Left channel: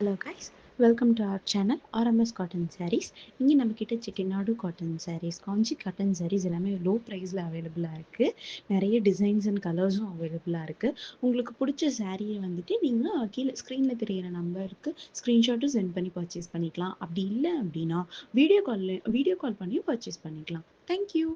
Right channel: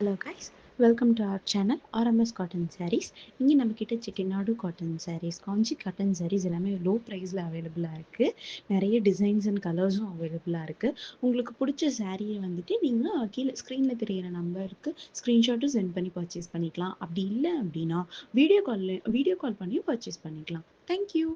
Hello guys, welcome to our channel RMS cotton sarees. இங்கே நம்மக்கிட்ட Chettinad cotton sarees, Kanchi cotton sarees எல்லாமே low ப்ரைஸில் அவைலபிளாக இருக்குது. நிறைய டிசைன்ஸ் அண்ட் கலர்ஸும் அவைலபிளாக இருக்குது. உங்களுக்கு பிடிச்ச சாரியை வந்துட்டு நீங்கள் கீழே ஸ்க்ரீனில் தெரியிற நம்பருக்கு ஸ்க்ரீன்ஷாட்டும் சென்ட் பண்ணி பர்ச்சேஸ் பண்ணிக்கலாம். அப்படி இல்லை அப்படின்னா வீடியோ கால் பண்ணியும் பர்ச்சேஸ் பண்ணிக்கலாம். தேங்க்யூ.